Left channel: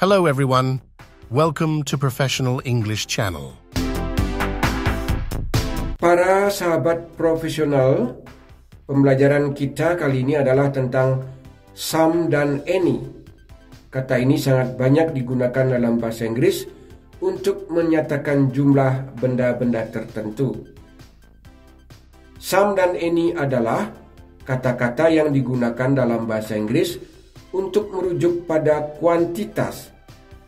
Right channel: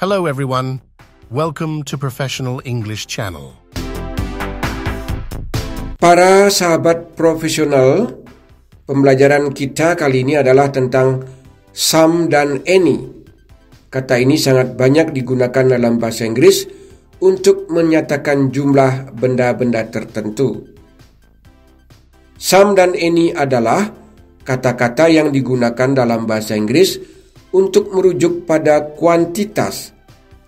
Hello everyone, welcome to Professional English Channel. Para sahabat profesional, pembelajaran kita kali ini adalah tentang some dan any. Kata ini sangat banyak digunakan dalam bahasa Inggris untuk menyatakan jumlah benda-benda tertentu. Some dan any adalah kata-kata yang digunakan dalam bahasa Inggris untuk merujuk pada kuantitas.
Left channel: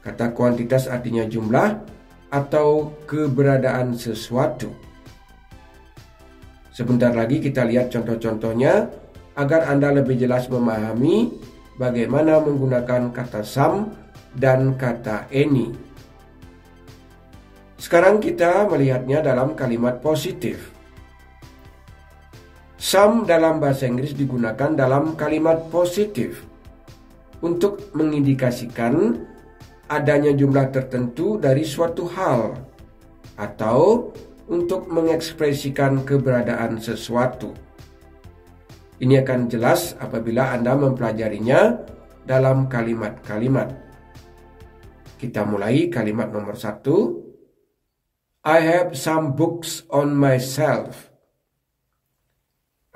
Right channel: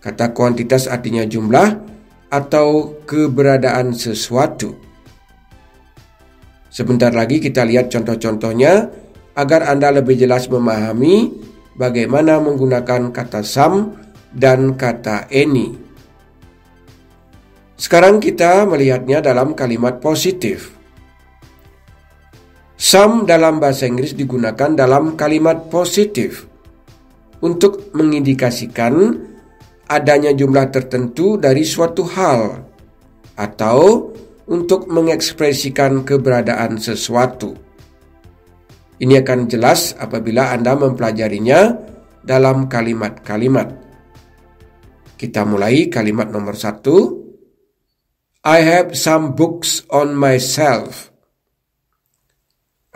Kata kuantitas artinya jumlah atau keberadaan sesuatu. Sebentar lagi kita lihat contoh-contohnya agar Anda lebih jelas memahami bagaimana menggunakan kata some dan kata any. Sekarang kita melihatnya dalam kalimat positif. Some dalam bahasa Inggris digunakan dalam kalimat positif untuk mengindikasikan adanya jumlah tertentu dari suatu hal atau untuk mengekspresikan keberadaan sesuatu. Ini akan jelas apabila Anda mempelajarinya dalam kalimat-kalimat. Kita mulai kalimat nomor 1. I have some books on my shelf.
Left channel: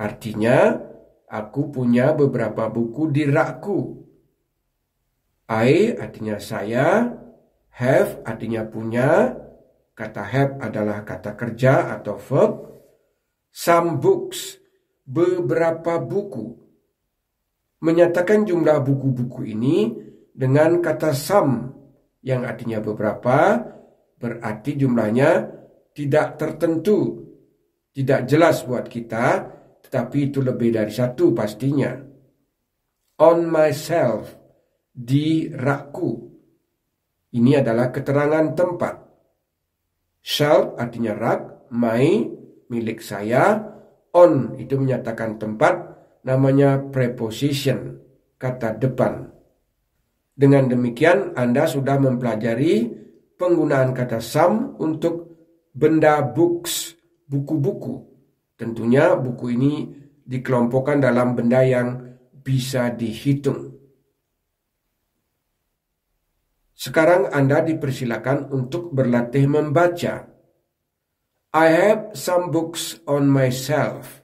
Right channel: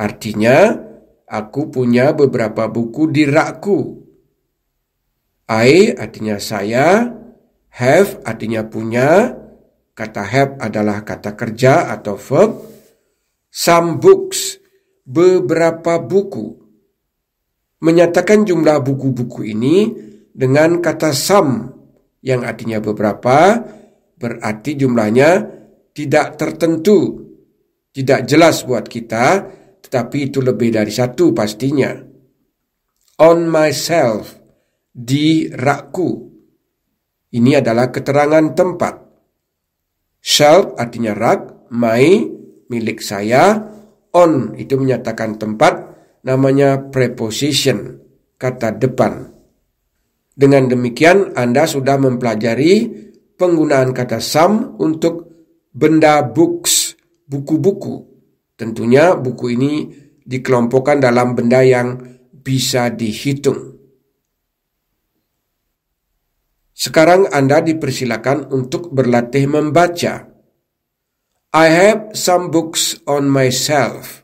Artinya, aku punya beberapa buku di rakku. I artinya saya, have artinya punya, kata have adalah kata kerja atau verb, some books, beberapa buku. Menyatakan jumlah buku-buku ini dengan kata some yang artinya beberapa, berarti jumlahnya tidak tertentu, tidak jelas buat kita, tetapi itu lebih dari satu pastinya. On myself, di rakku. Ini adalah keterangan tempat. Shelf artinya rak, my, milik saya, on itu menyatakan tempat, namanya preposition, kata depan. Dengan demikian Anda sudah mempelajari penggunaan kata some untuk benda books, buku-buku. Tentunya buku ini dikelompokkan dalam benda yang bisa dihitung. Sekarang Anda dipersilakan untuk berlatih membaca. I have some books on my shelf.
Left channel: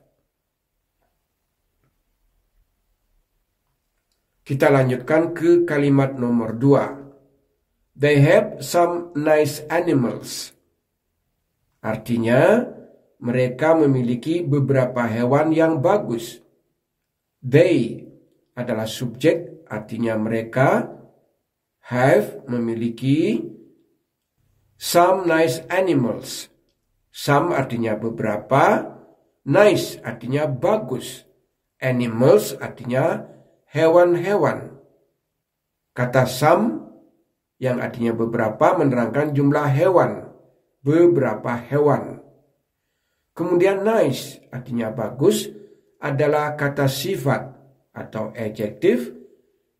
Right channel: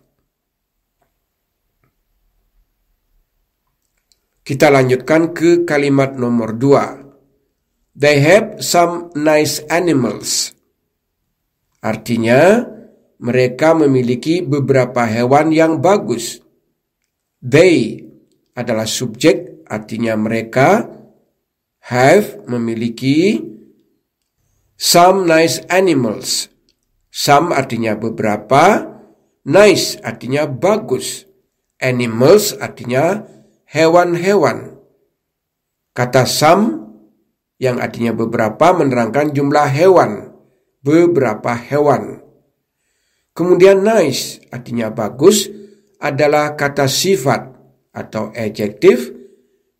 Kita lanjutkan ke kalimat nomor 2. They have some nice animals. Artinya, mereka memiliki beberapa hewan yang bagus. They adalah subjek, artinya mereka. Have memiliki some nice animals. Some artinya beberapa, nice artinya bagus, animals artinya hewan-hewan. Kata some yang artinya beberapa menerangkan jumlah hewan, beberapa hewan. Kemudian nice artinya bagus adalah kata sifat atau adjektif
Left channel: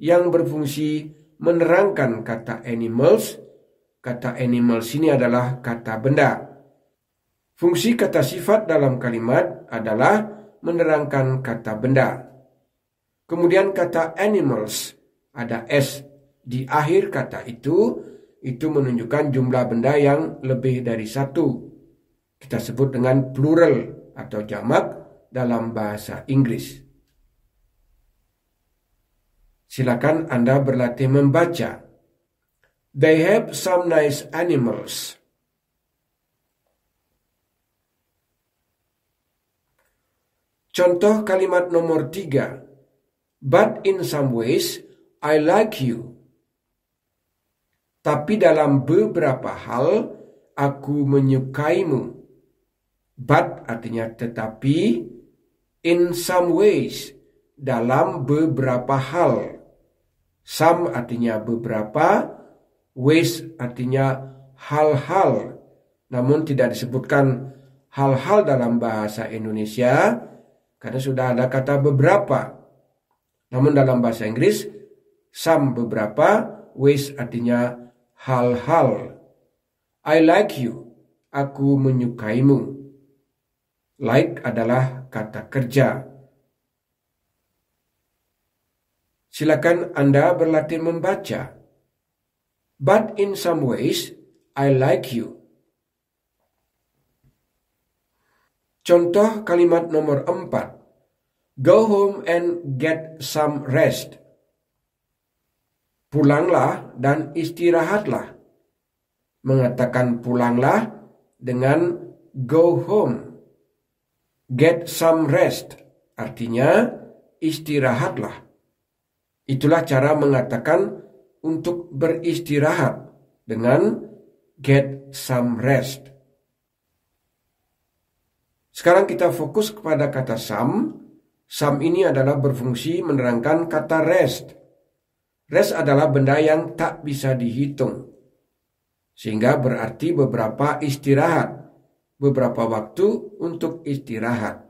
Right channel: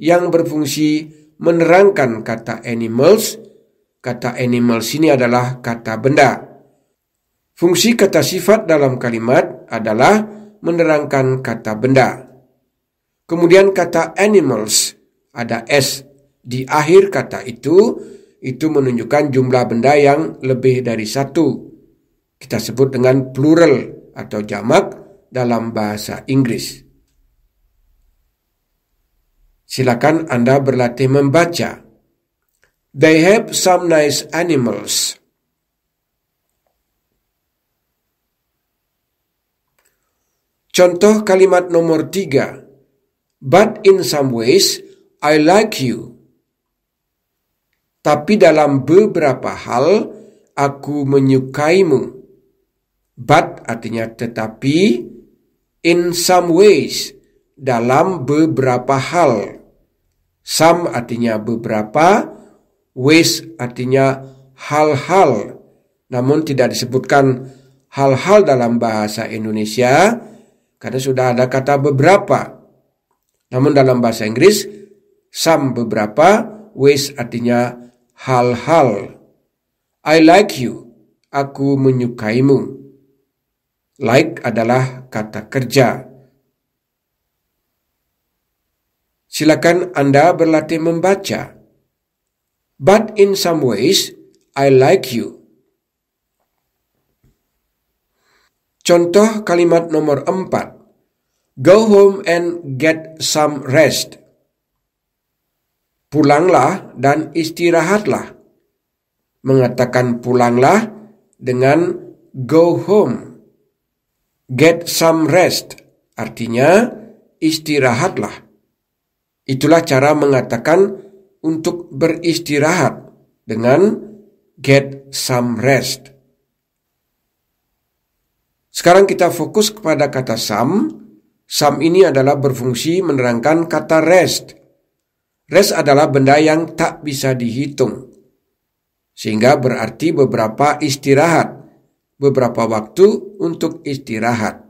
yang berfungsi menerangkan kata animals. Kata animals ini adalah kata benda. Fungsi kata sifat dalam kalimat adalah menerangkan kata benda. Kemudian kata animals, ada s di akhir kata itu menunjukkan jumlah benda yang lebih dari satu. Kita sebut dengan plural atau jamak dalam bahasa Inggris. Silakan Anda berlatih membaca. They have some nice animals. Contoh kalimat nomor 3. But in some ways, I like you. Tapi dalam beberapa hal, aku menyukaimu. But artinya tetapi, in some ways, dalam beberapa hal. Some artinya beberapa, ways artinya hal-hal. Namun tidak disebutkan hal-hal dalam bahasa Indonesia karena sudah ada kata beberapa. Namun dalam bahasa Inggris, some beberapa, ways artinya hal-hal. I like you, aku menyukaimu. Like adalah kata kerja. Silakan Anda berlatih membaca. But in some ways, I like you. Contoh kalimat nomor 4. Go home and get some rest. Pulanglah dan istirahatlah. Mengatakan pulanglah dengan go home. Get some rest artinya istirahatlah. Itulah cara mengatakan untuk beristirahat dengan get some rest. Sekarang kita fokus kepada kata some. Some ini adalah berfungsi menerangkan kata rest. Rest adalah benda yang tak bisa dihitung. Sehingga berarti beberapa istirahat, beberapa waktu untuk istirahat.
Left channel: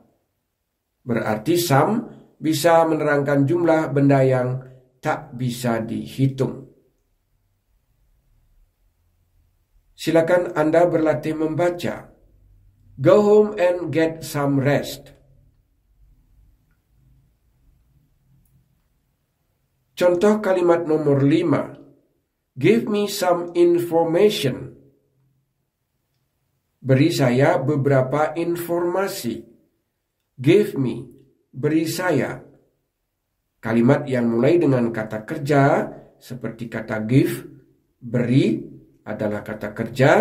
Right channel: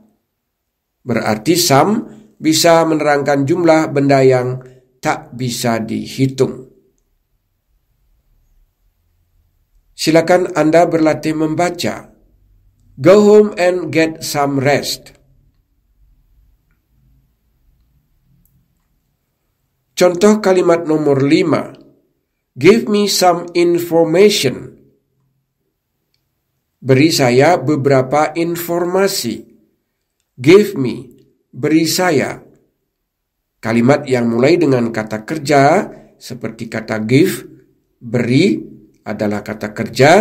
Berarti some bisa menerangkan jumlah benda yang tak bisa dihitung. Silakan Anda berlatih membaca. Go home and get some rest. Contoh kalimat nomor 5. Give me some information. Beri saya beberapa informasi. Give me, beri saya. Kalimat yang mulai dengan kata kerja seperti kata give, beri adalah kata kerja.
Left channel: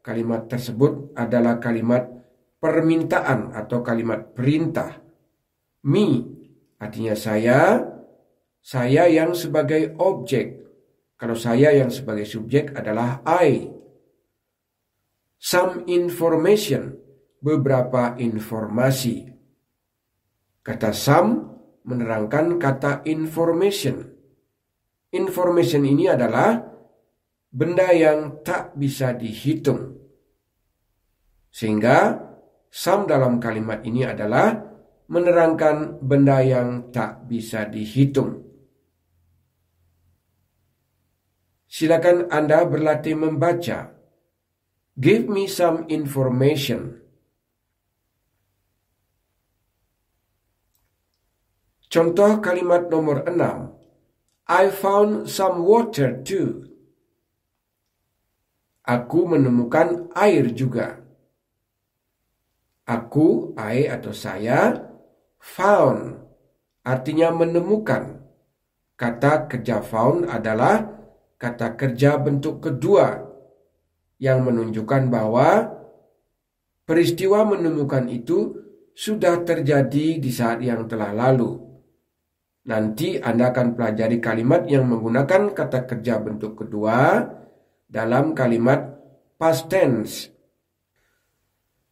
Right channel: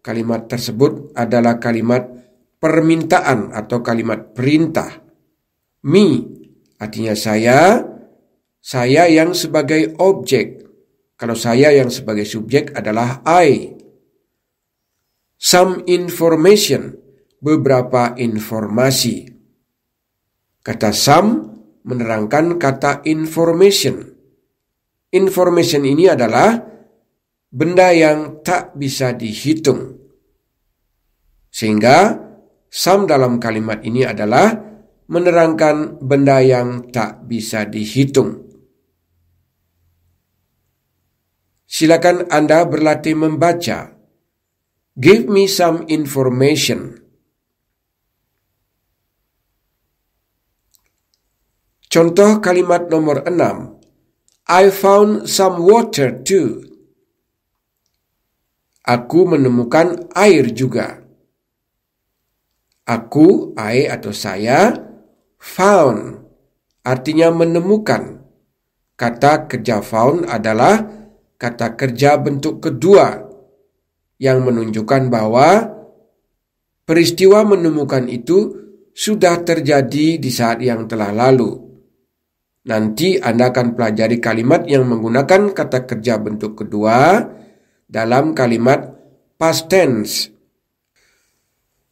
Kalimat tersebut adalah kalimat permintaan atau kalimat perintah. Me artinya saya yang sebagai objek. Kalau saya yang sebagai subjek adalah I. Some information, beberapa informasi. Kata some menerangkan kata information. Information ini adalah benda yang tak bisa dihitung. Sehingga some dalam kalimat ini adalah menerangkan benda yang tak bisa dihitung. Silakan Anda berlatih membaca. Give me some information. Contoh kalimat nomor 6. I found some water too. Aku menemukan air juga. Aku, I atau saya, found artinya menemukan. Kata kerja found adalah kata kerja bentuk kedua yang menunjukkan bahwa peristiwa menemukan itu sudah terjadi di saat yang telah lalu. Nanti Anda akan pelajari kalimat yang menggunakan kata kerja bentuk kedua dalam kalimat past tense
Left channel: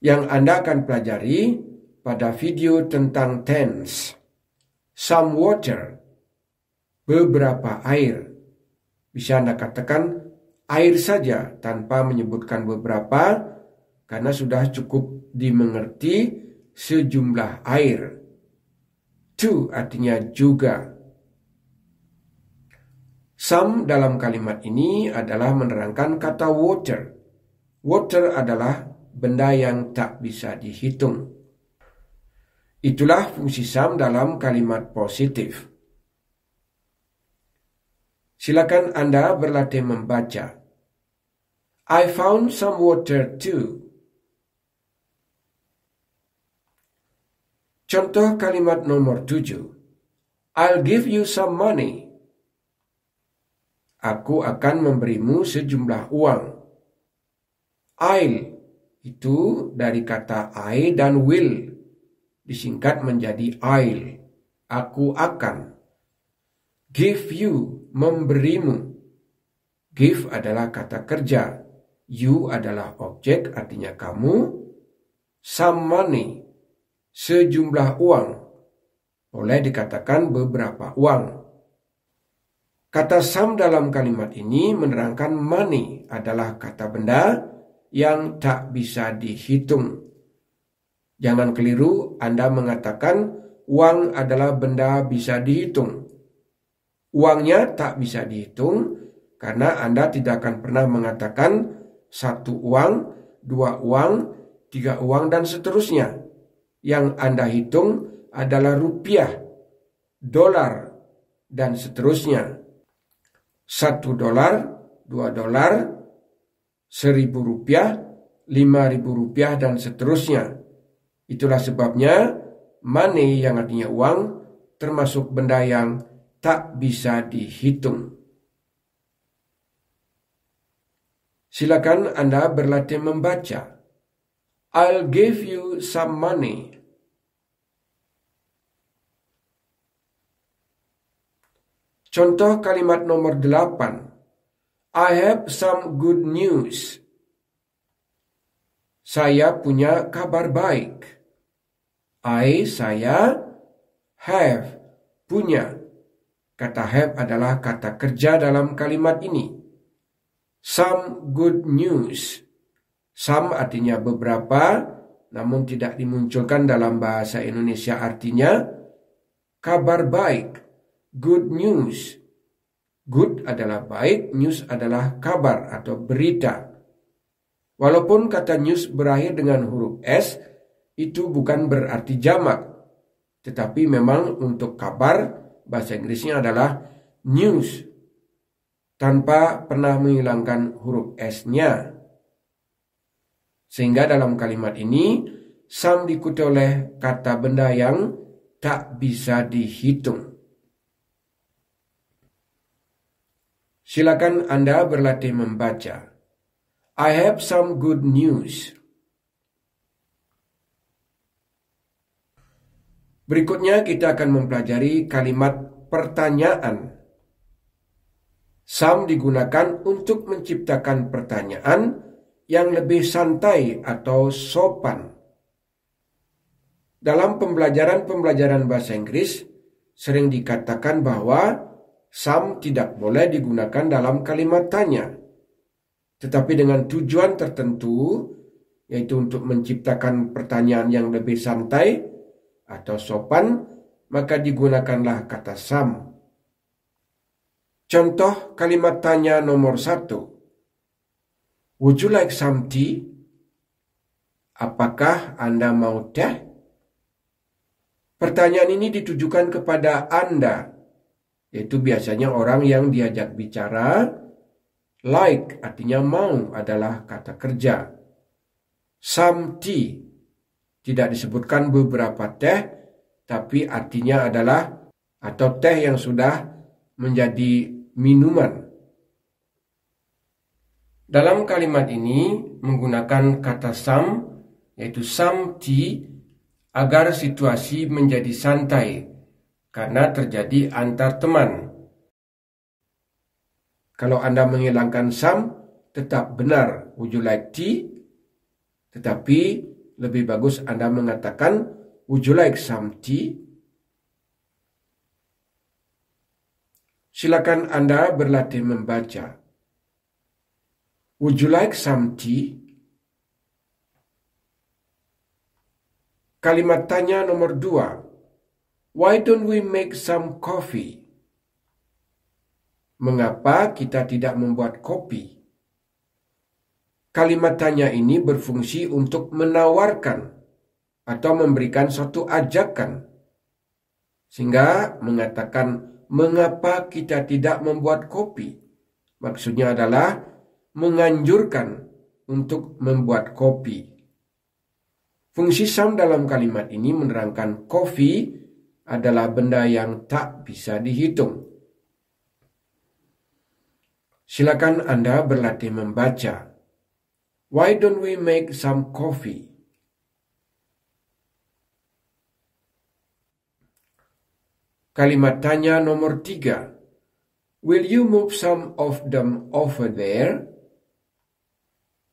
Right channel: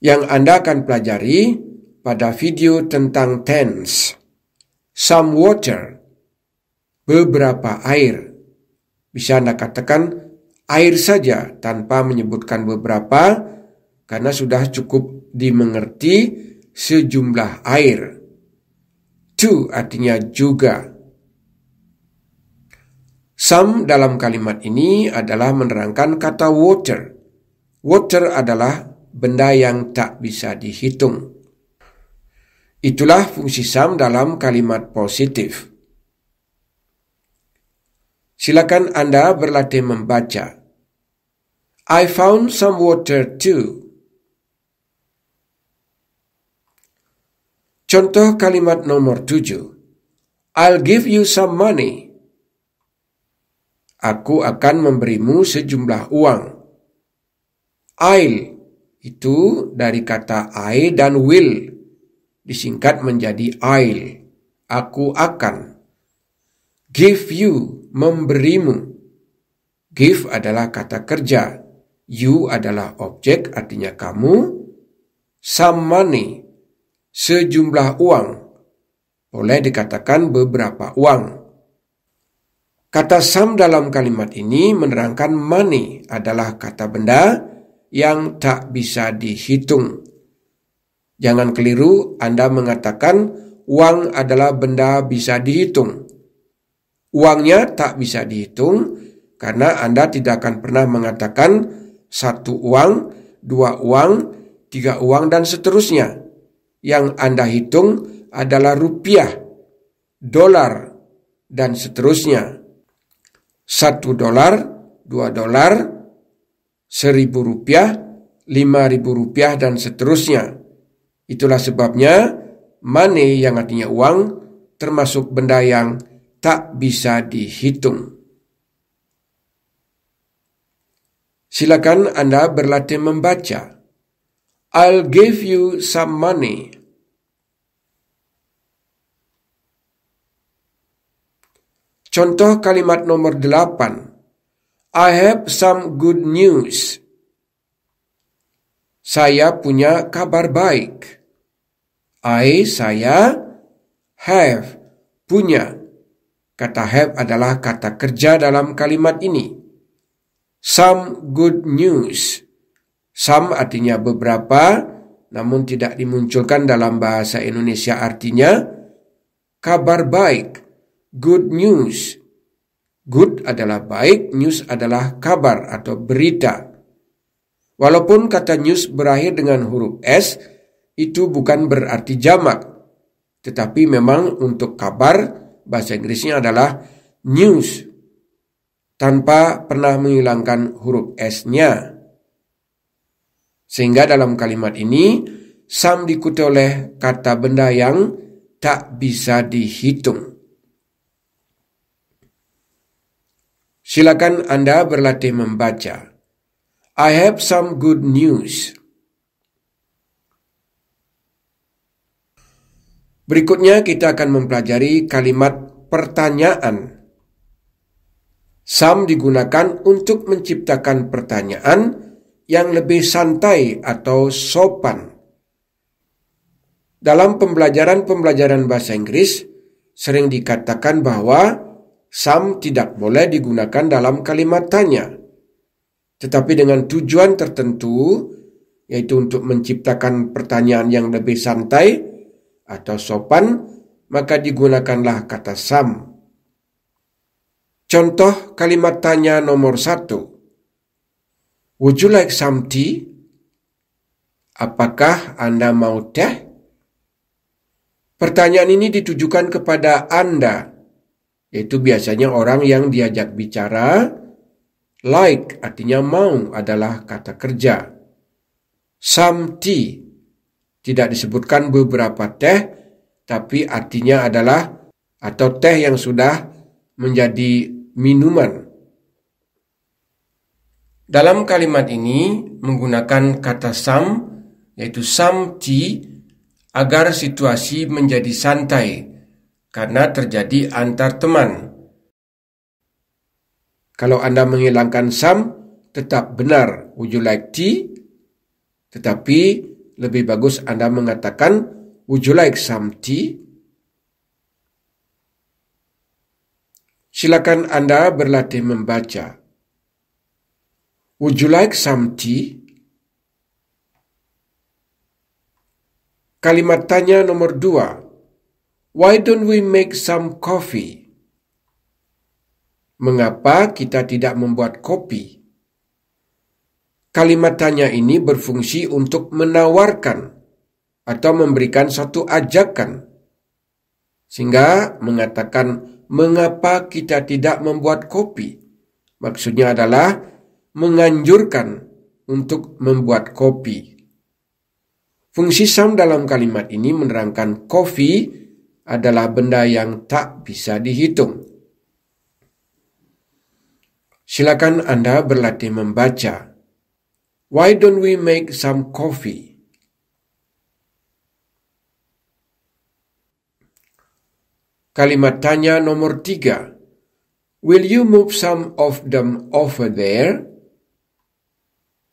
yang Anda akan pelajari pada video tentang tense. Some water, beberapa air. Bisa Anda katakan air saja tanpa menyebutkan beberapa karena sudah cukup dimengerti sejumlah air. To artinya juga. Some dalam kalimat ini adalah menerangkan kata water. Water adalah benda yang tak bisa dihitung. Itulah fungsi some dalam kalimat positif. Silakan Anda berlatih membaca. I found some water too. Contoh kalimat nomor 7. I'll give you some money. Aku akan memberimu sejumlah uang. I'll itu dari kata I dan will. Disingkat menjadi I'll. Aku akan. Give you, memberimu. Give adalah kata kerja. You adalah objek, artinya kamu. Some money, sejumlah uang. Boleh dikatakan beberapa uang. Kata some dalam kalimat ini menerangkan money adalah kata benda yang tak bisa dihitung. Jangan keliru Anda mengatakan uang adalah benda bisa dihitung. Uangnya tak bisa dihitung karena Anda tidak akan pernah mengatakan 1 uang, 2 uang, 3 uang, dan seterusnya. Yang Anda hitung adalah rupiah, dolar, dan seterusnya. $1, $2, $2, $1.000, $5.000, dan seterusnya. Itulah sebabnya money yang artinya uang termasuk benda yang tak bisa dihitung. Silakan Anda berlatih membaca. I'll give you some money. Contoh kalimat nomor 8. I have some good news. Saya punya kabar baik. Saya, have, punya. Kata have adalah kata kerja dalam kalimat ini. Some good news. Some artinya beberapa, namun tidak dimunculkan dalam bahasa Indonesia artinya kabar baik. Good news. Good adalah baik, news adalah kabar atau berita. Walaupun kata news berakhir dengan huruf S, itu bukan berarti jamak. Tetapi memang untuk kabar, bahasa Inggrisnya adalah news, tanpa pernah menghilangkan huruf S-nya. Sehingga dalam kalimat ini, some diikuti oleh kata benda yang tak bisa dihitung. Silakan Anda berlatih membaca. I have some good news. Berikutnya kita akan mempelajari kalimat pertanyaan. Some digunakan untuk menciptakan pertanyaan yang lebih santai atau sopan. Dalam pembelajaran bahasa Inggris, sering dikatakan bahwa some tidak boleh digunakan dalam kalimat tanya. Tetapi dengan tujuan tertentu, yaitu untuk menciptakan pertanyaan yang lebih santai atau sopan, maka digunakanlah kata some. Contoh kalimat tanya nomor 1. Would you like some tea? Apakah Anda mau teh? Pertanyaan ini ditujukan kepada Anda, yaitu biasanya orang yang diajak bicara. Like artinya mau adalah kata kerja. Some tea tidak disebutkan beberapa teh, tapi artinya adalah atau teh yang sudah menjadi minuman. Dalam kalimat ini menggunakan kata some, yaitu some tea, agar situasi menjadi santai karena terjadi antar teman. Kalau Anda menghilangkan some, tetap benar. Would you like tea? Tetapi lebih bagus Anda mengatakan, would you like some tea? Silakan Anda berlatih membaca. Would you like some tea? Kalimat tanya nomor 2. Why don't we make some coffee? Mengapa kita tidak membuat kopi? Kalimat tanya ini berfungsi untuk menawarkan atau memberikan suatu ajakan. Sehingga mengatakan, mengapa kita tidak membuat kopi? Maksudnya adalah menganjurkan untuk membuat kopi. Fungsi some dalam kalimat ini menerangkan kopi adalah benda yang tak bisa dihitung. Silakan Anda berlatih membaca. Why don't we make some coffee? Kalimat tanya nomor 3. Will you move some of them over there?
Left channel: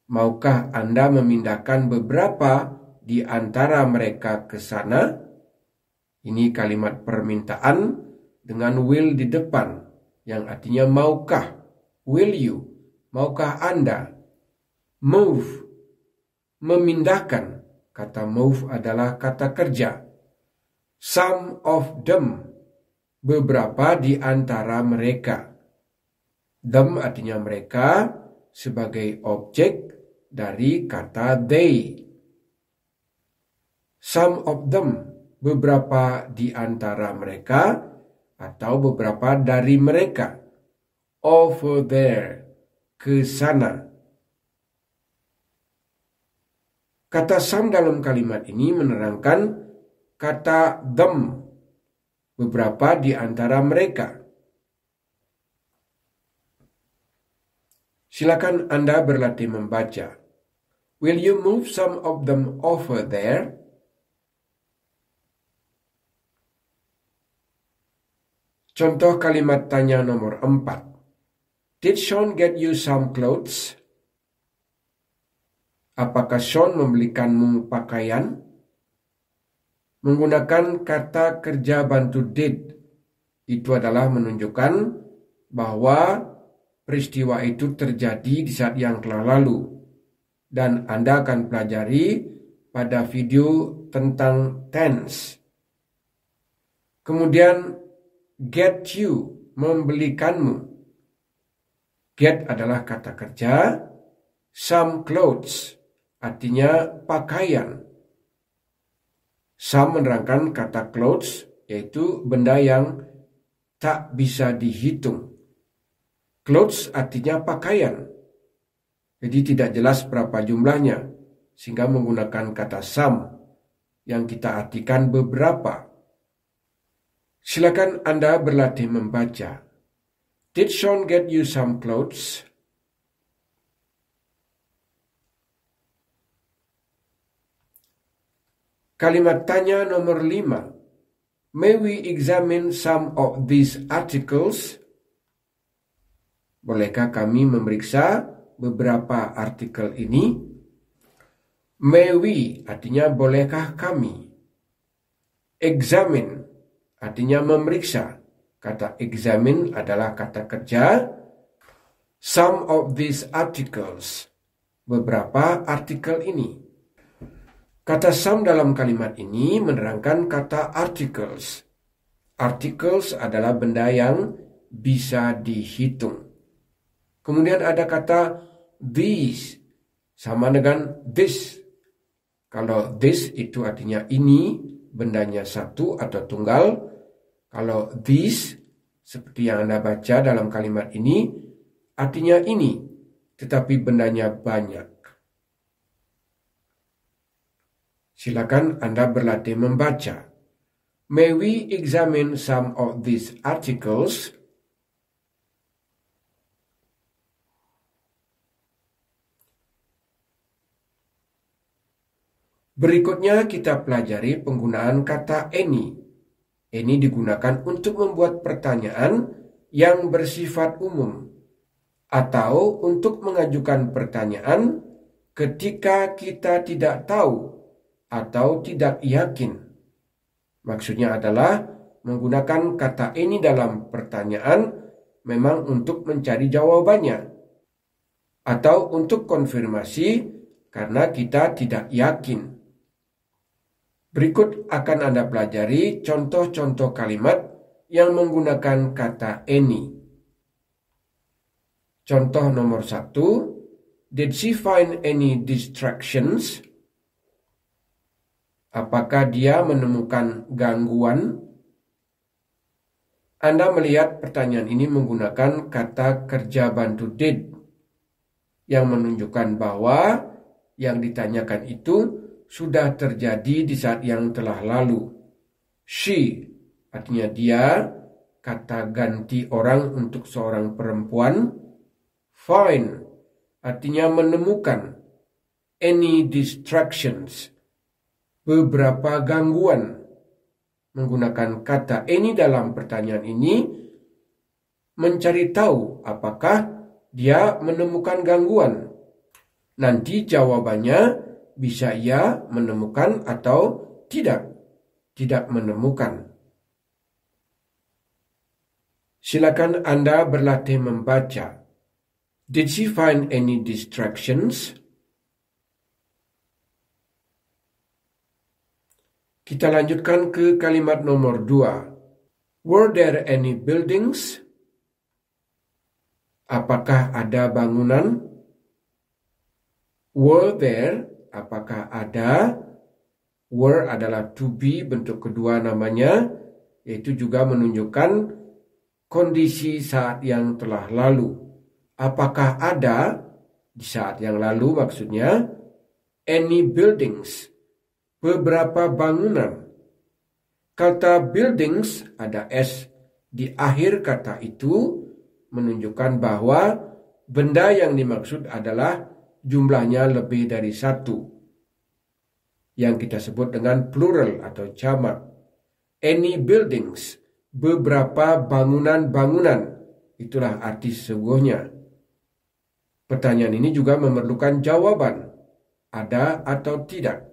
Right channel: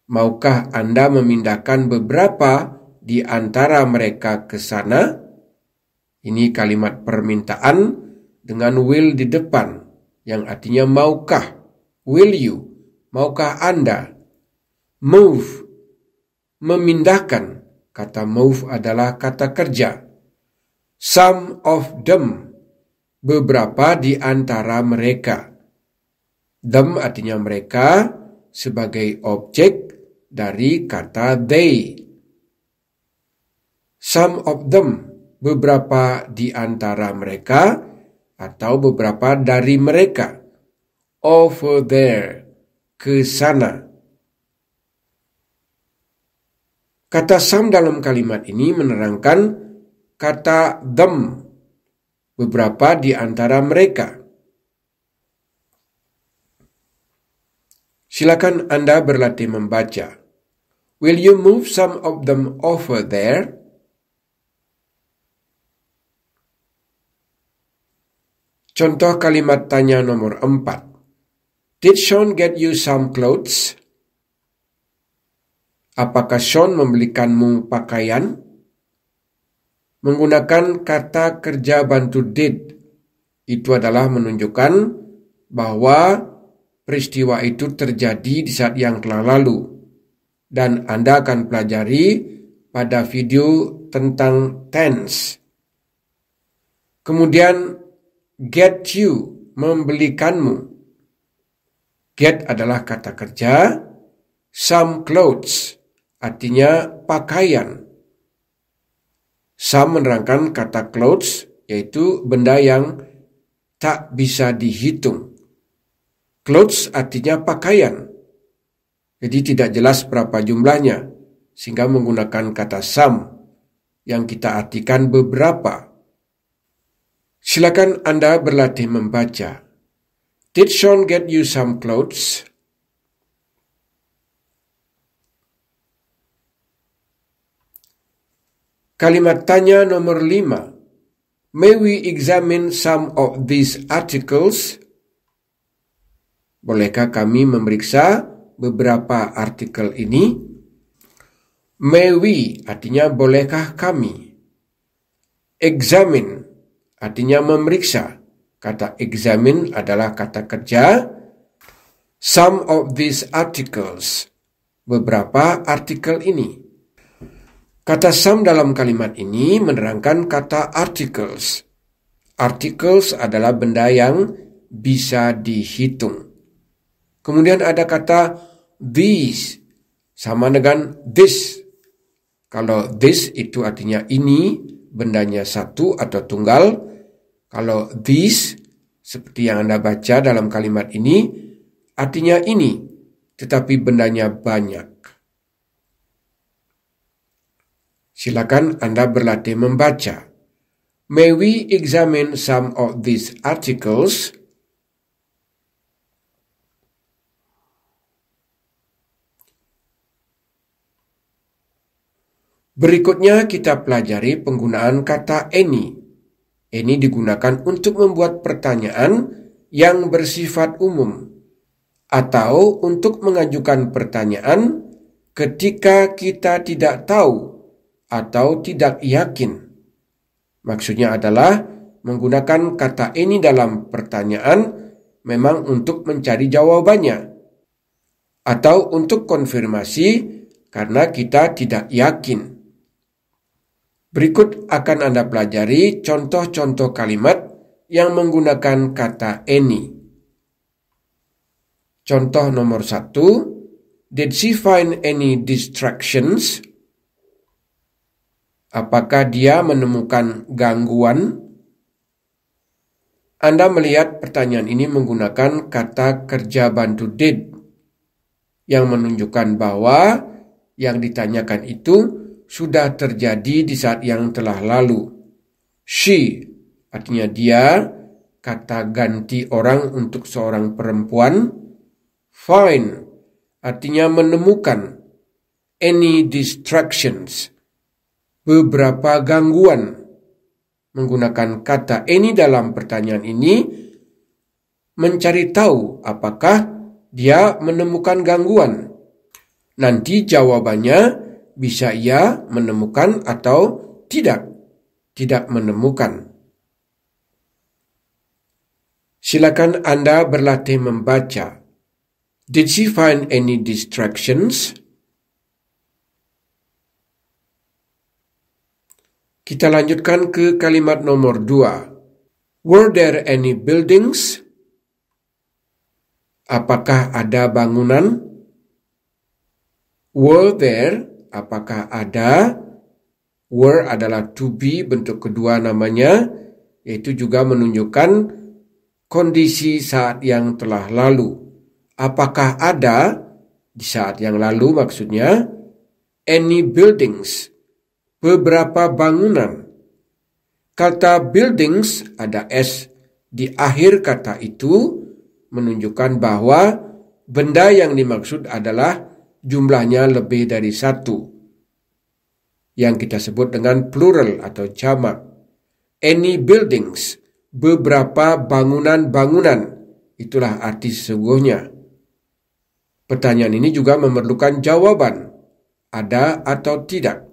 Maukah Anda memindahkan beberapa di antara mereka ke sana? Ini kalimat permintaan dengan will di depan, yang artinya maukah. Will you? Maukah Anda? Move, memindahkan. Kata move adalah kata kerja. Some of them, beberapa di antara mereka. Them artinya mereka sebagai objek dari kata they. Some of them, beberapa di antara mereka atau beberapa dari mereka. Over there, ke sana. Kata some dalam kalimat ini menerangkan kata them, beberapa di antara mereka. Silakan Anda berlatih membaca. Will you move some of them over there? Contoh kalimat tanya nomor 4. Did Sean get you some clothes? Apakah Sean membelikanmu pakaian? Menggunakan kata kerja bantu did, itu adalah menunjukkan bahwa peristiwa itu terjadi di saat yang telah lalu. Dan Anda akan pelajari pada video tentang tense. Kemudian get you, membelikanmu. Get adalah kata kerja. Some clothes artinya pakaian. Some menerangkan kata clothes, yaitu benda yang tak bisa dihitung. Clothes artinya pakaian. Jadi tidak jelas berapa jumlahnya, sehingga menggunakan kata some yang kita artikan beberapa. Silakan Anda berlatih membaca. Did Sean get you some clothes? Kalimat tanya nomor 5. May we examine some of these articles? Bolehkah kami memeriksa beberapa artikel ini? May we artinya bolehkah kami. Examine artinya memeriksa. Kata examine adalah kata kerja. Some of these articles, beberapa artikel ini. Kata some dalam kalimat ini menerangkan kata articles. Articles adalah benda yang bisa dihitung. Kemudian ada kata these, sama dengan this. Kalau this itu artinya ini, bendanya satu atau tunggal. Kalau these, seperti yang Anda baca dalam kalimat ini, artinya ini, tetapi bendanya banyak. Silakan Anda berlatih membaca. May we examine some of these articles? Berikutnya kita pelajari penggunaan kata any. Any digunakan untuk membuat pertanyaan yang bersifat umum atau untuk mengajukan pertanyaan ketika kita tidak tahu atau tidak yakin. Maksudnya adalah menggunakan kata any dalam pertanyaan memang untuk mencari jawabannya atau untuk konfirmasi karena kita tidak yakin. Berikut akan Anda pelajari contoh-contoh kalimat yang menggunakan kata any. Contoh nomor 1. Did she find any distractions? Apakah dia menemukan gangguan? Anda melihat pertanyaan ini menggunakan kata kerja bantu did yang menunjukkan bahwa yang ditanyakan itu sudah terjadi di saat yang telah lalu. She artinya dia, kata ganti orang untuk seorang perempuan. Find artinya menemukan. Any distractions, beberapa gangguan. Menggunakan kata any dalam pertanyaan ini mencari tahu apakah dia menemukan gangguan. Nanti jawabannya bisa ya menemukan atau tidak menemukan. Silakan Anda berlatih membaca. Did she find any distractions? Kita lanjutkan ke kalimat nomor 2. Were there any buildings? Apakah ada bangunan? Were there, apakah ada? Were adalah to be, bentuk kedua namanya, yaitu juga menunjukkan kondisi saat yang telah lalu. apakah ada, di saat yang lalu maksudnya, any buildings, beberapa bangunan. Kata buildings ada S di akhir kata itu menunjukkan bahwa benda yang dimaksud adalah jumlahnya lebih dari satu, yang kita sebut dengan plural atau jamak. Any buildings, beberapa bangunan-bangunan, itulah arti sesungguhnya. Pertanyaan ini juga memerlukan jawaban, ada atau tidak.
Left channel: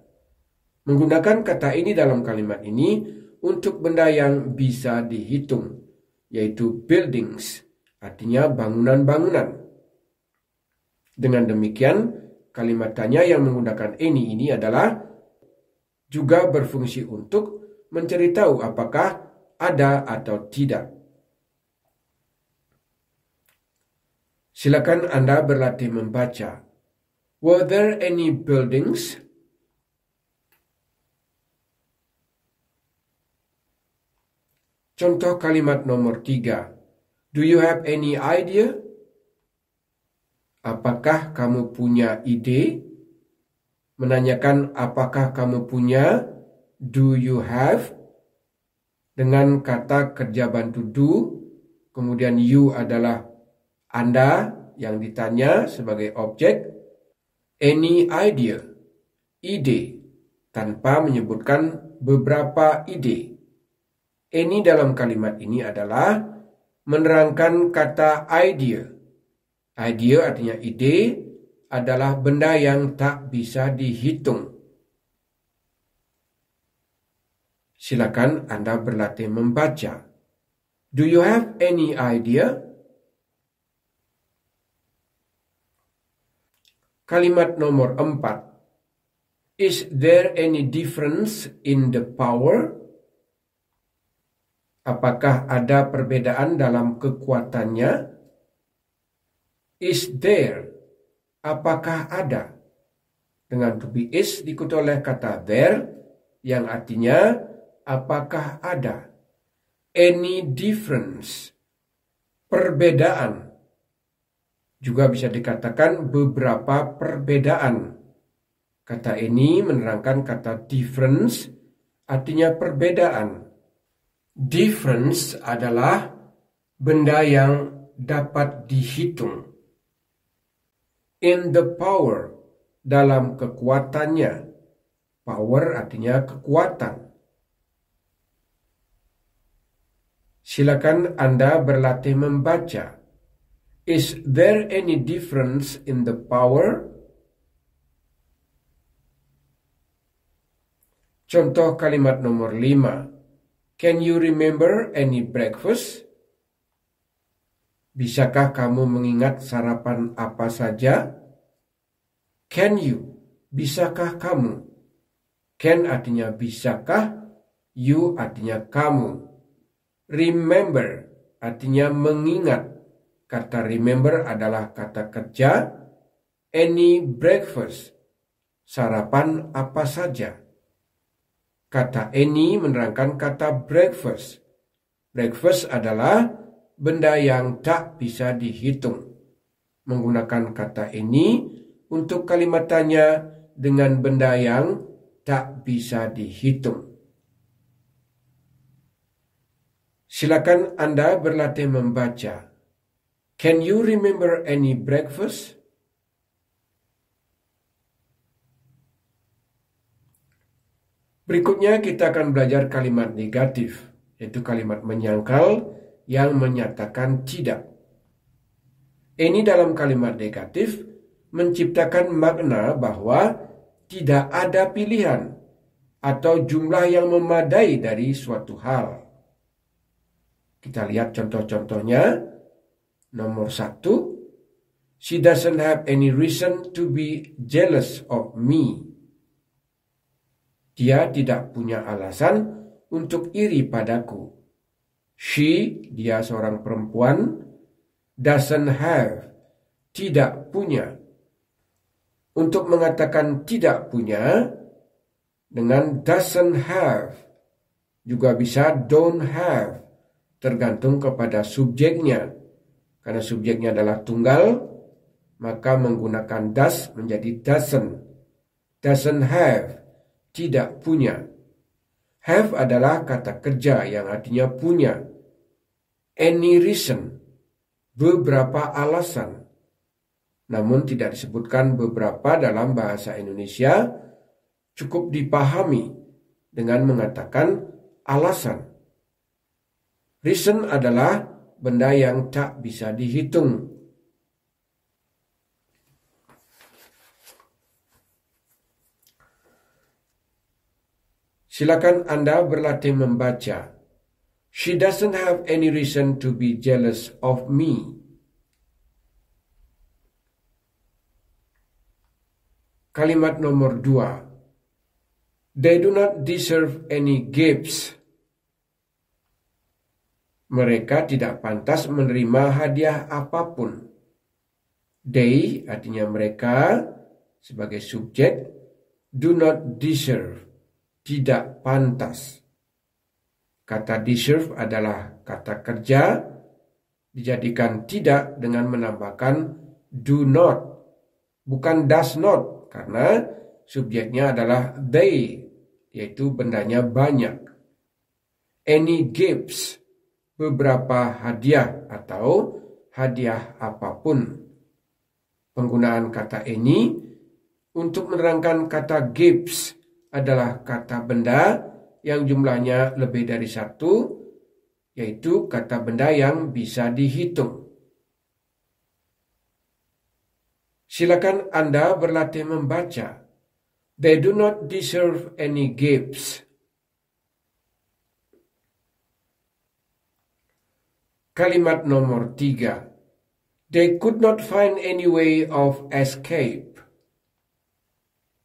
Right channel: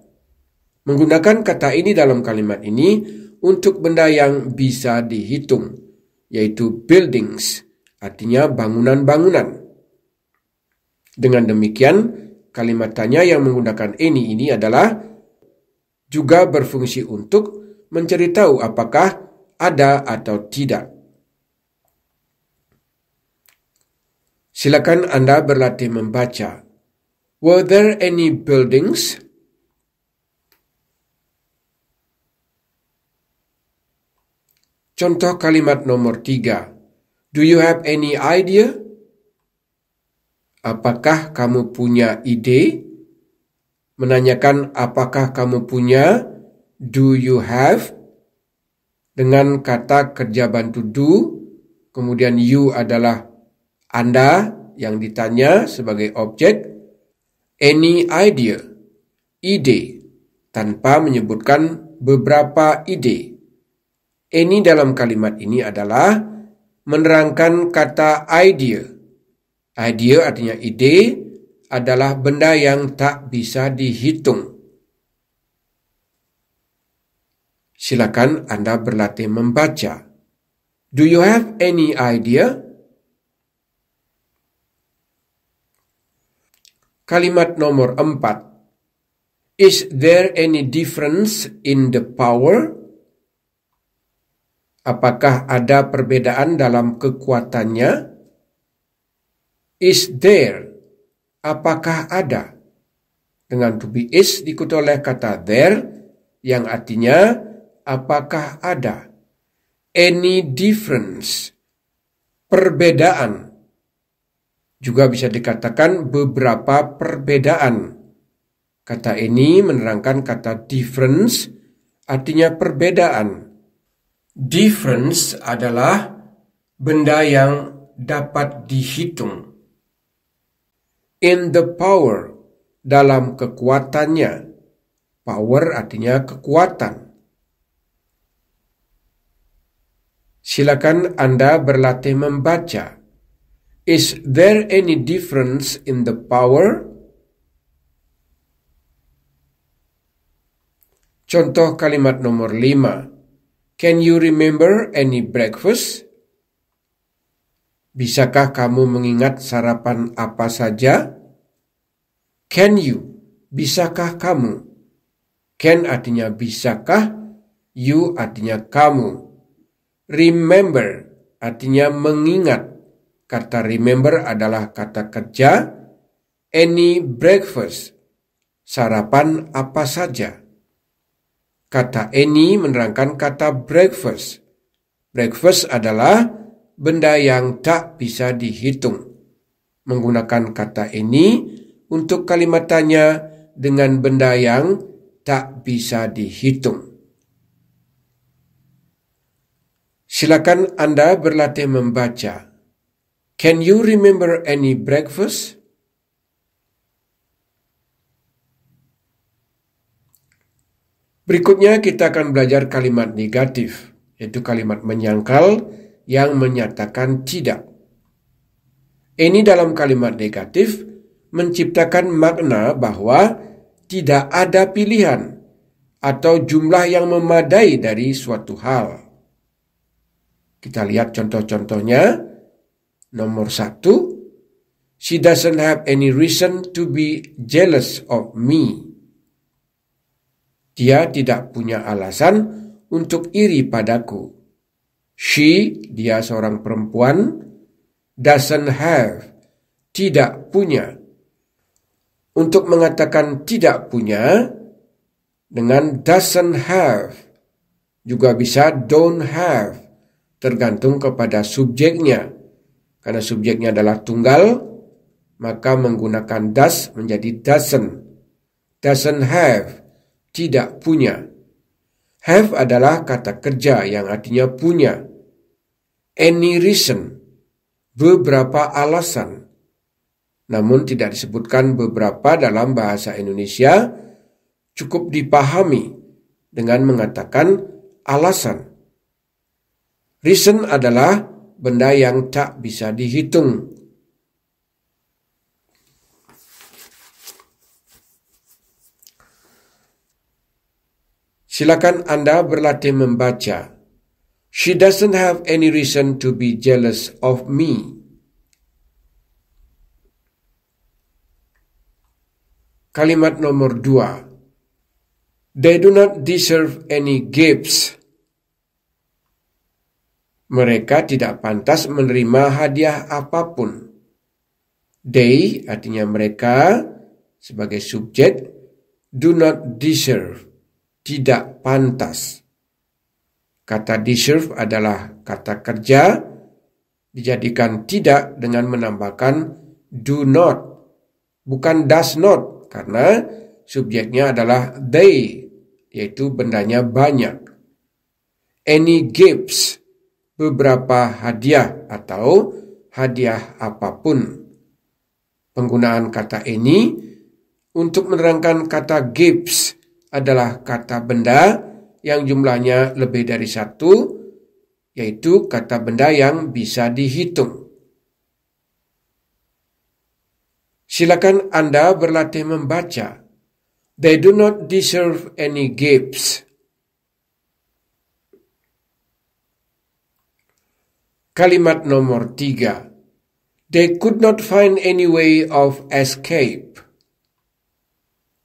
Menggunakan kata ini dalam kalimat ini untuk benda yang bisa dihitung, yaitu buildings, artinya bangunan-bangunan. Dengan demikian, kalimat tanya yang menggunakan any ini adalah juga berfungsi untuk mencari tahu apakah ada atau tidak. Silakan Anda berlatih membaca. Were there any buildings? Contoh kalimat nomor 3. Do you have any idea? Apakah kamu punya ide? Menanyakan apakah kamu punya, do you have? Dengan kata kerja bantu do, kemudian you adalah Anda yang ditanya sebagai objek. Any idea, ide, tanpa menyebutkan beberapa ide. Any dalam kalimat ini adalah menerangkan kata idea. Idea artinya ide, adalah benda yang tak bisa dihitung. Silakan Anda berlatih membaca. Do you have any idea? Kalimat nomor 4. Is there any difference in the power? Apakah ada perbedaan dalam kekuatannya? Is there, apakah ada? Dengan to be is diikuti oleh kata there yang artinya apakah ada. Any difference, perbedaan. Juga bisa dikatakan beberapa perbedaan. Kata ini menerangkan kata difference, artinya perbedaan. Difference adalah benda yang dapat dihitung. In the power, dalam kekuatannya. Power artinya kekuatan. Silakan Anda berlatih membaca. Is there any difference in the power? Contoh kalimat nomor 5. Can you remember any breakfast? Bisakah kamu mengingat sarapan apa saja? Can you, bisakah kamu? Can artinya bisakah, you artinya kamu. Remember artinya mengingat. Kata remember adalah kata kerja. Any breakfast, sarapan apa saja. Kata any menerangkan kata breakfast. Breakfast adalah benda yang tak bisa dihitung. Menggunakan kata any untuk kalimat tanya dengan benda yang tak bisa dihitung. Silakan Anda berlatih membaca. Can you remember any breakfast? Berikutnya kita akan belajar kalimat negatif, yaitu kalimat menyangkal yang menyatakan tidak. Ini dalam kalimat negatif menciptakan makna bahwa tidak ada pilihan atau jumlah yang memadai dari suatu hal. Kita lihat contoh-contohnya. Nomor 1, she doesn't have any reason to be jealous of me. Dia tidak punya alasan untuk iri padaku. She, dia seorang perempuan, doesn't have, tidak punya. Untuk mengatakan tidak punya, dengan doesn't have, juga bisa don't have, tergantung kepada subjeknya. Karena subjeknya adalah tunggal, maka menggunakan does menjadi doesn't. Doesn't have, tidak punya. Have adalah kata kerja yang artinya punya. Any reason, beberapa alasan. Namun tidak disebutkan beberapa dalam bahasa Indonesia, cukup dipahami dengan mengatakan alasan. Reason adalah benda yang tak bisa dihitung. Silakan Anda berlatih membaca. She doesn't have any reason to be jealous of me. Kalimat nomor 2. They do not deserve any gifts. Mereka tidak pantas menerima hadiah apapun. They artinya mereka sebagai subjek, do not deserve, tidak pantas. Kata deserve adalah kata kerja, dijadikan tidak dengan menambahkan do not, bukan does not, karena subjeknya adalah they, yaitu bendanya banyak. Any gifts, beberapa hadiah atau hadiah apapun. Penggunaan kata any untuk menerangkan kata gifts adalah kata benda yang jumlahnya lebih dari satu, yaitu kata benda yang bisa dihitung. Silakan Anda berlatih membaca. They do not deserve any gifts. Kalimat nomor 3. They could not find any way of escape.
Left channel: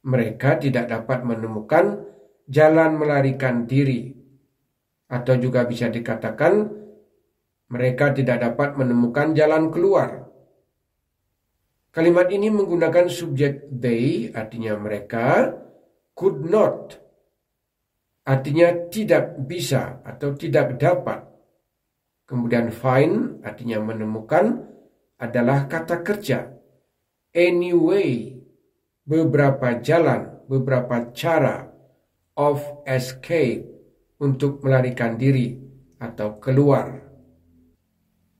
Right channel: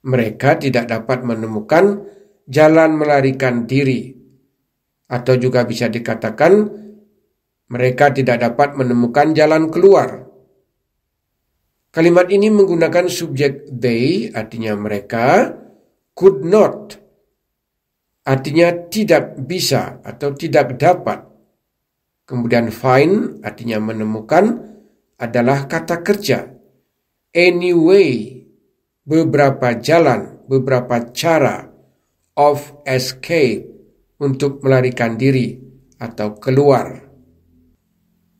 Mereka tidak dapat menemukan jalan melarikan diri. Atau juga bisa dikatakan, mereka tidak dapat menemukan jalan keluar. Kalimat ini menggunakan subjek they, artinya mereka, could not, artinya tidak bisa atau tidak dapat. Kemudian find, artinya menemukan, adalah kata kerja. Anyway, beberapa jalan, beberapa cara of escape, untuk melarikan diri atau keluar.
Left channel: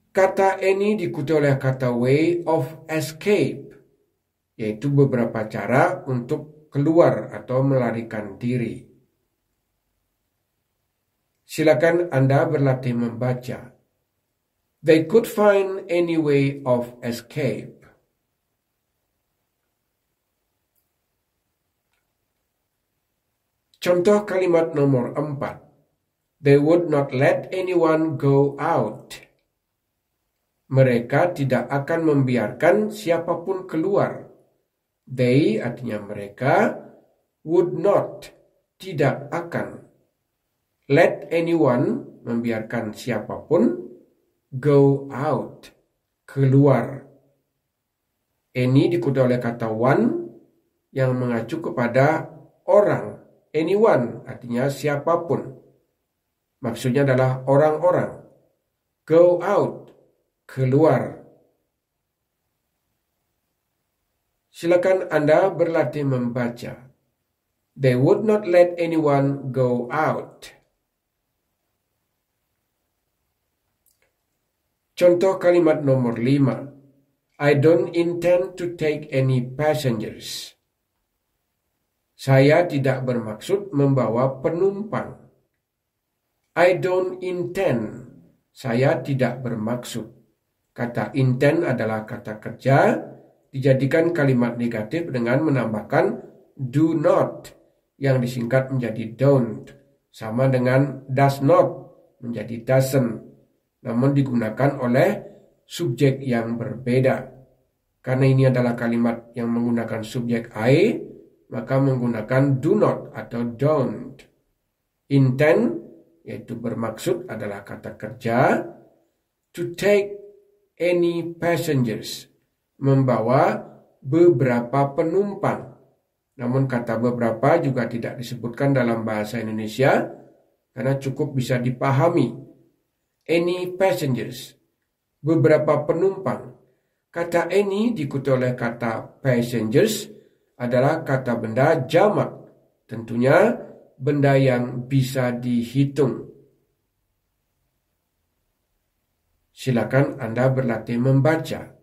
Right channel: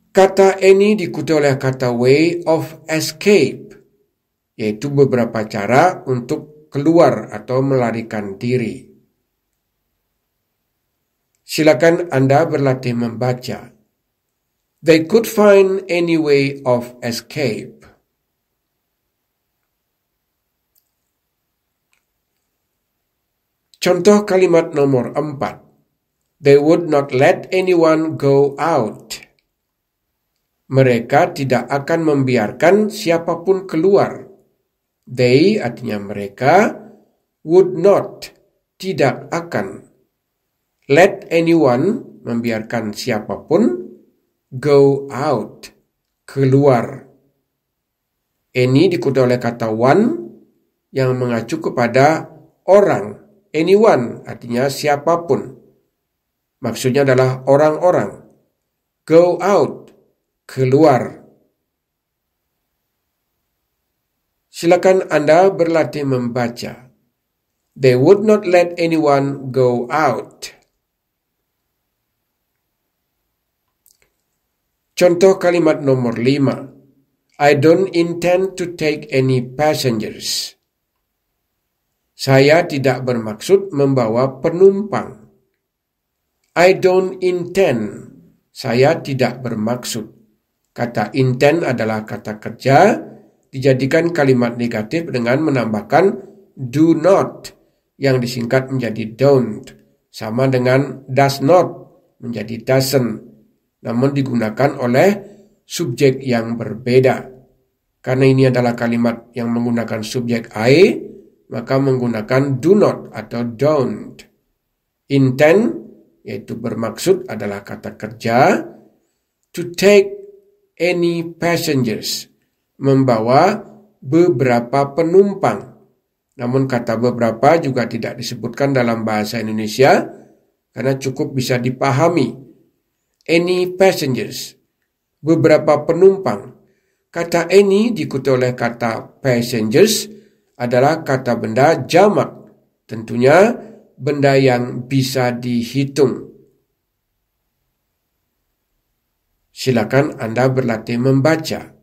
Kata any diikuti oleh kata way of escape, yaitu beberapa cara untuk keluar atau melarikan diri. Silakan Anda berlatih membaca. They could find any way of escape. Contoh kalimat nomor 4. They would not let anyone go out. Mereka tidak akan membiarkan siapapun keluar. They artinya mereka, would not, tidak akan. Let anyone, membiarkan siapapun, go out, keluar. Any diikuti oleh kata one yang mengacu kepada orang. Anyone artinya siapapun. Maksudnya adalah orang-orang. Go out, keluar. Silakan Anda berlatih membaca. They would not let anyone go out. Contoh kalimat nomor 5. I don't intend to take any passengers. Saya tidak bermaksud membawa penumpang. I don't intend. Saya tidak bermaksud. Kata intend adalah kata kerja, dijadikan kalimat negatif dengan menambahkan do not, yang disingkat menjadi don't, sama dengan does not, menjadi doesn't. Namun digunakan oleh subjek yang berbeda. Karena ini adalah kalimat yang menggunakan subjek I, maka menggunakan do not atau don't. Intend, yaitu bermaksud, adalah kata kerja. To take any passengers, membawa beberapa penumpang. Namun kata beberapa juga tidak disebutkan dalam bahasa Indonesia, karena cukup bisa dipahami. Any passengers, beberapa penumpang. Kata any diikuti oleh kata passengers adalah kata benda jamak. Tentunya benda yang bisa dihitung. Silakan Anda berlatih membaca.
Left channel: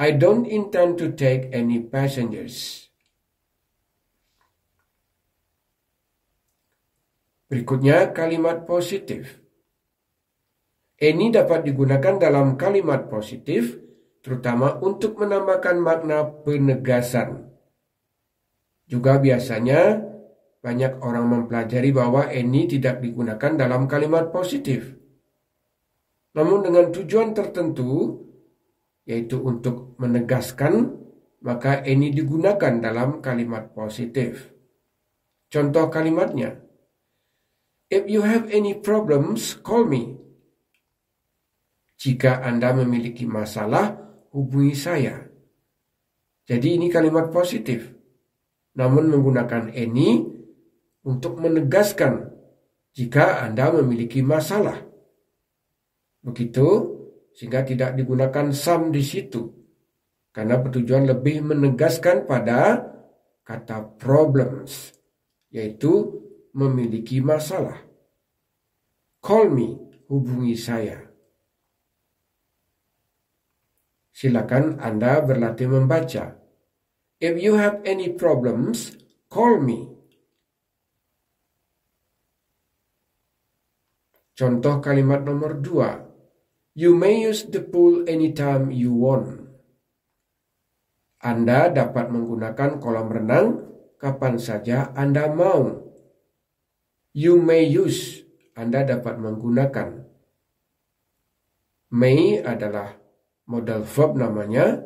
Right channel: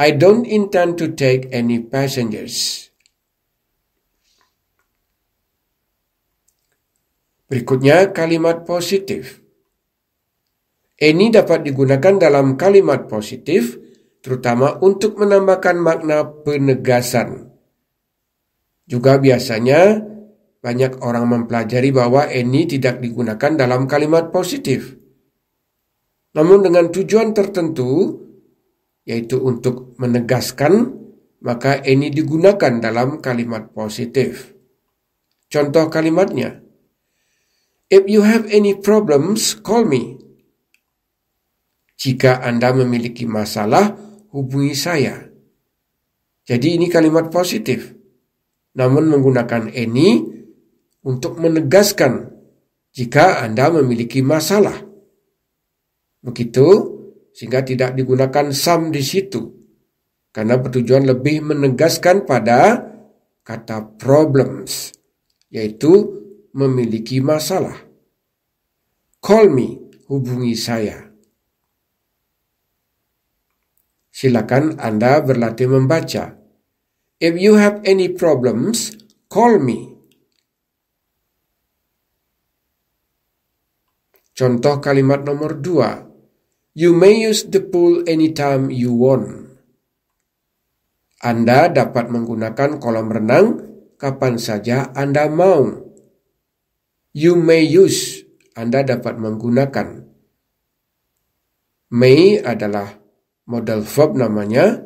I don't intend to take any passengers. Berikutnya kalimat positif. Any dapat digunakan dalam kalimat positif, terutama untuk menambahkan makna penegasan. Juga biasanya banyak orang mempelajari bahwa any tidak digunakan dalam kalimat positif. Namun dengan tujuan tertentu, yaitu untuk menegaskan, maka any digunakan dalam kalimat positif. Contoh kalimatnya, if you have any problems, call me. Jika Anda memiliki masalah, hubungi saya. Jadi ini kalimat positif. Namun menggunakan any untuk menegaskan jika Anda memiliki masalah. Begitu, sehingga tidak digunakan some di situ. Karena bertujuan lebih menegaskan pada kata problems, yaitu memiliki masalah. Call me, hubungi saya. Silakan Anda berlatih membaca. If you have any problems, call me. Contoh kalimat nomor 2. You may use the pool anytime you want. Anda dapat menggunakan kolam renang kapan saja Anda mau. You may use, Anda dapat menggunakan. May adalah modal verb namanya.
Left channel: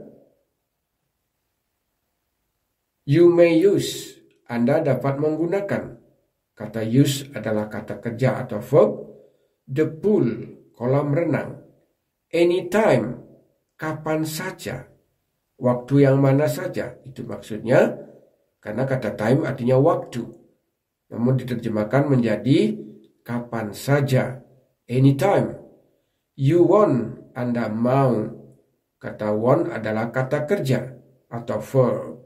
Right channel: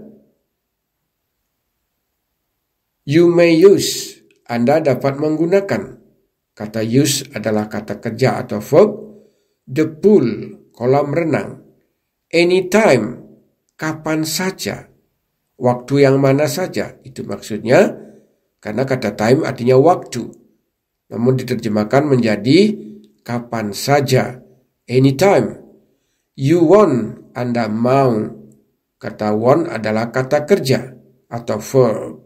You may use, Anda dapat menggunakan. Kata use adalah kata kerja atau verb. The pool, kolam renang. Anytime, kapan saja. Waktu yang mana saja, itu maksudnya. Karena kata time artinya waktu. Namun diterjemahkan menjadi kapan saja. Anytime. You want, Anda mau. Kata want adalah kata kerja atau verb.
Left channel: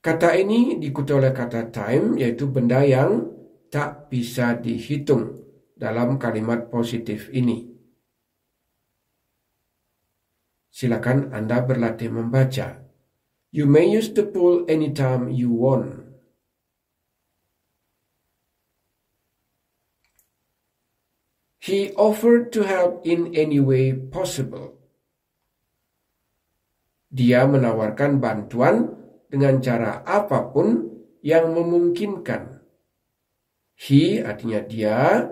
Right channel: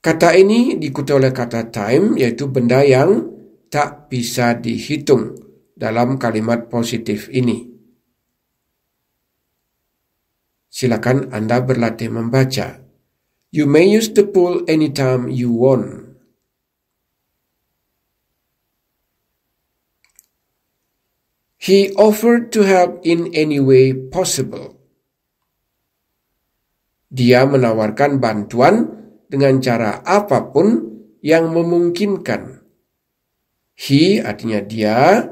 Kata ini diikuti oleh kata time, yaitu benda yang tak bisa dihitung dalam kalimat positif ini. Silakan Anda berlatih membaca. You may use the pool anytime you want. He offered to help in any way possible. Dia menawarkan bantuan dengan cara apapun yang memungkinkan. He artinya dia,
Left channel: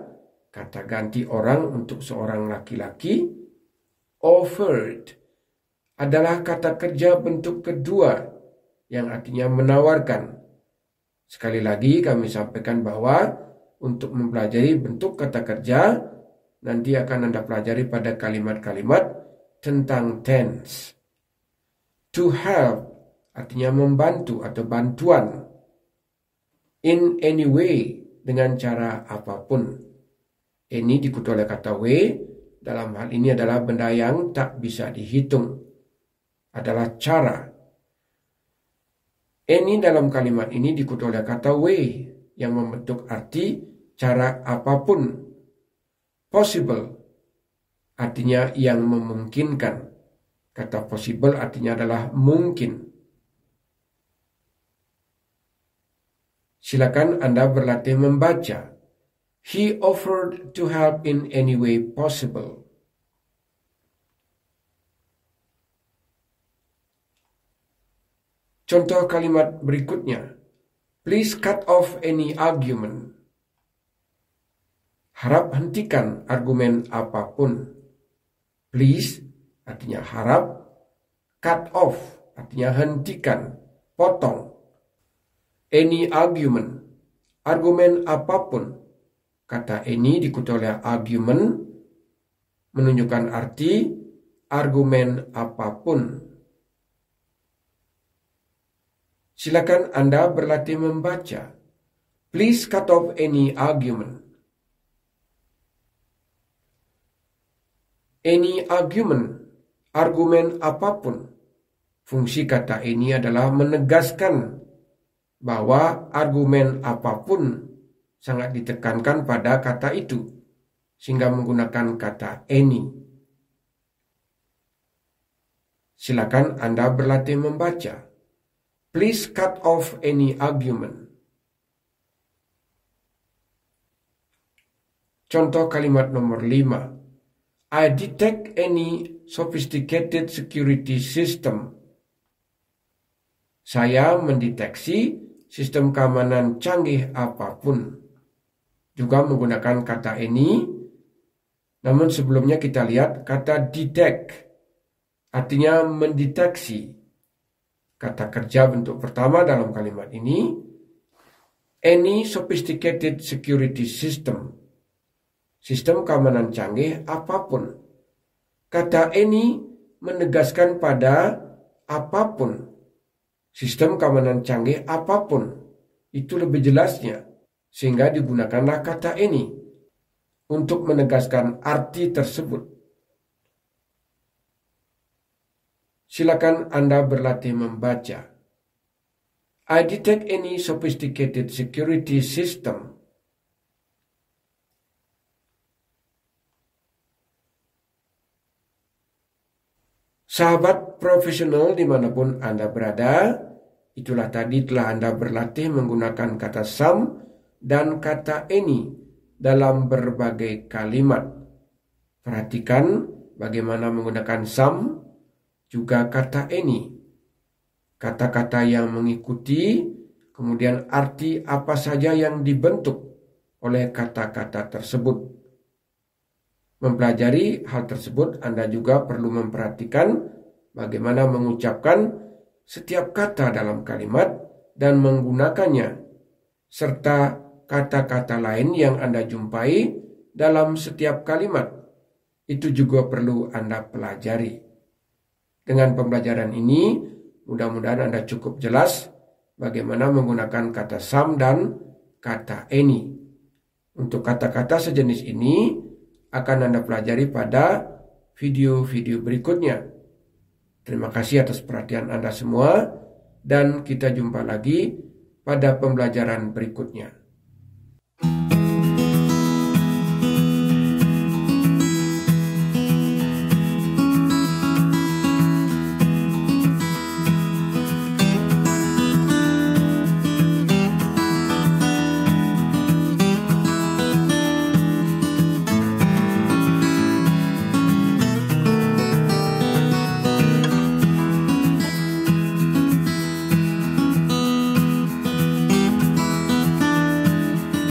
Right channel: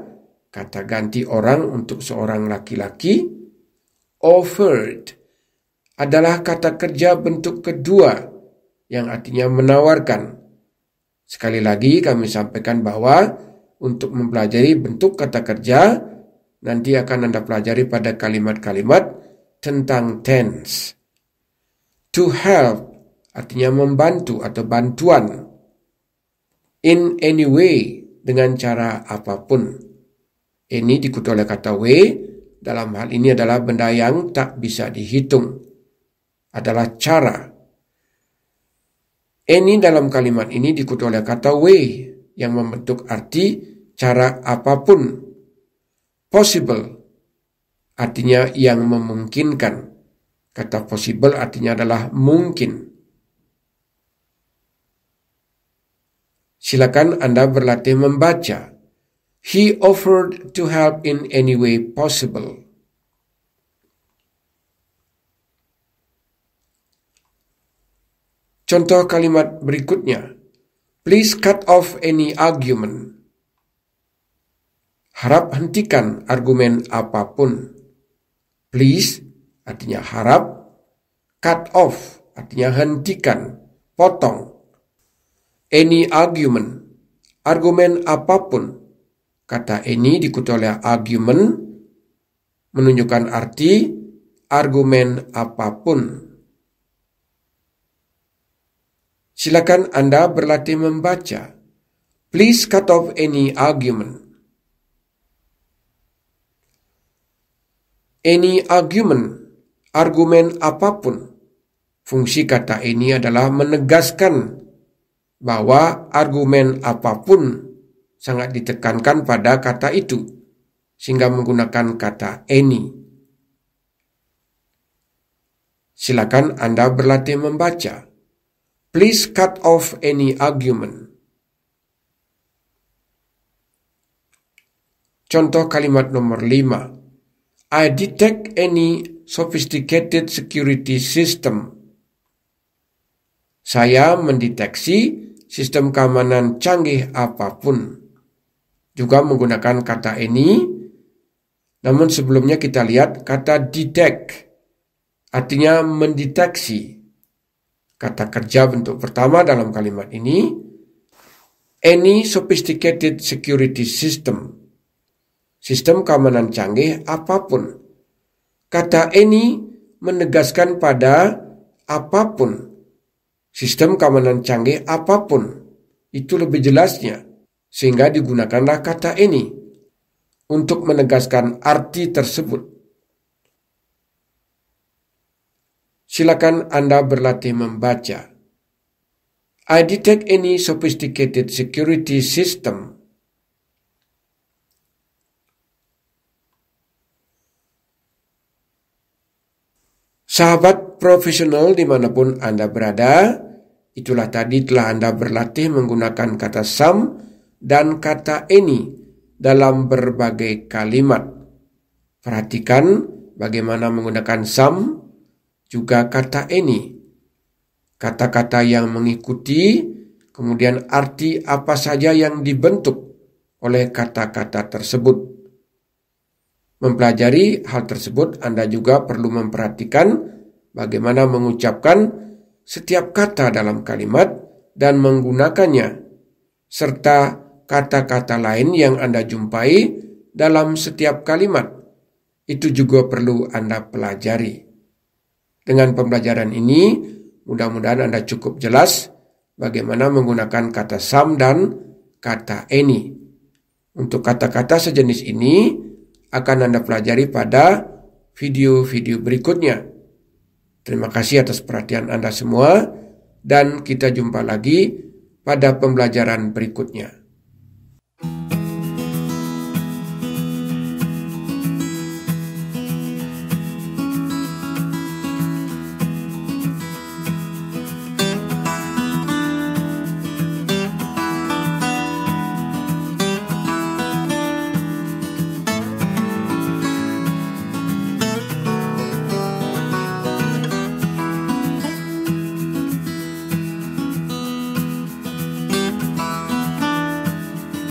kata ganti orang untuk seorang laki-laki. Offered adalah kata kerja bentuk kedua yang artinya menawarkan. Sekali lagi kami sampaikan bahwa untuk mempelajari bentuk kata kerja nanti akan Anda pelajari pada kalimat-kalimat tentang tense. To help artinya membantu atau bantuan. In any way, dengan cara apapun. Ini diikuti oleh kata way, dalam hal ini adalah benda yang tak bisa dihitung. Adalah cara. Any dalam kalimat ini diikuti oleh kata way, yang membentuk arti cara apapun. Possible, artinya yang memungkinkan. Kata possible artinya adalah mungkin. Silakan Anda berlatih membaca. He offered to help in any way possible. Contoh kalimat berikutnya. Please cut off any argument. Harap hentikan argumen apapun. Please artinya harap. Cut off artinya hentikan, potong. Any argument, argumen apapun. Kata any diikuti oleh argument, menunjukkan arti argumen apapun. Silakan Anda berlatih membaca. Please cut off any argument. any argument, argumen apapun. Fungsi kata any adalah menegaskan bahwa argumen apapun sangat ditekankan pada kata itu, sehingga menggunakan kata any. Silakan Anda berlatih membaca. Please cut off any argument. Contoh kalimat nomor 5. I detect any sophisticated security system. Saya mendeteksi sistem keamanan canggih apapun. Juga menggunakan kata any. Namun sebelumnya kita lihat kata detect. Artinya mendeteksi. Kata kerja bentuk pertama dalam kalimat ini. Any sophisticated security system. Sistem keamanan canggih apapun. Kata any menegaskan pada apapun. Sistem keamanan canggih apapun. Itu lebih jelasnya. Sehingga digunakanlah kata any untuk menegaskan arti tersebut. Silakan Anda berlatih membaca. I detect any sophisticated security system. Sahabat profesional dimanapun Anda berada, itulah tadi telah Anda berlatih menggunakan kata some dan kata any dalam berbagai kalimat. Perhatikan bagaimana menggunakan some, juga kata any. Kata-kata yang mengikuti, kemudian arti apa saja yang dibentuk oleh kata-kata tersebut. Mempelajari hal tersebut, Anda juga perlu memperhatikan bagaimana mengucapkan setiap kata dalam kalimat dan menggunakannya, serta kata-kata lain yang Anda jumpai dalam setiap kalimat. Itu juga perlu Anda pelajari. Dengan pembelajaran ini, mudah-mudahan Anda cukup jelas bagaimana menggunakan kata some dan kata any. Untuk kata-kata sejenis ini, akan Anda pelajari pada video-video berikutnya. Terima kasih atas perhatian Anda semua, dan kita jumpa lagi pada pembelajaran berikutnya.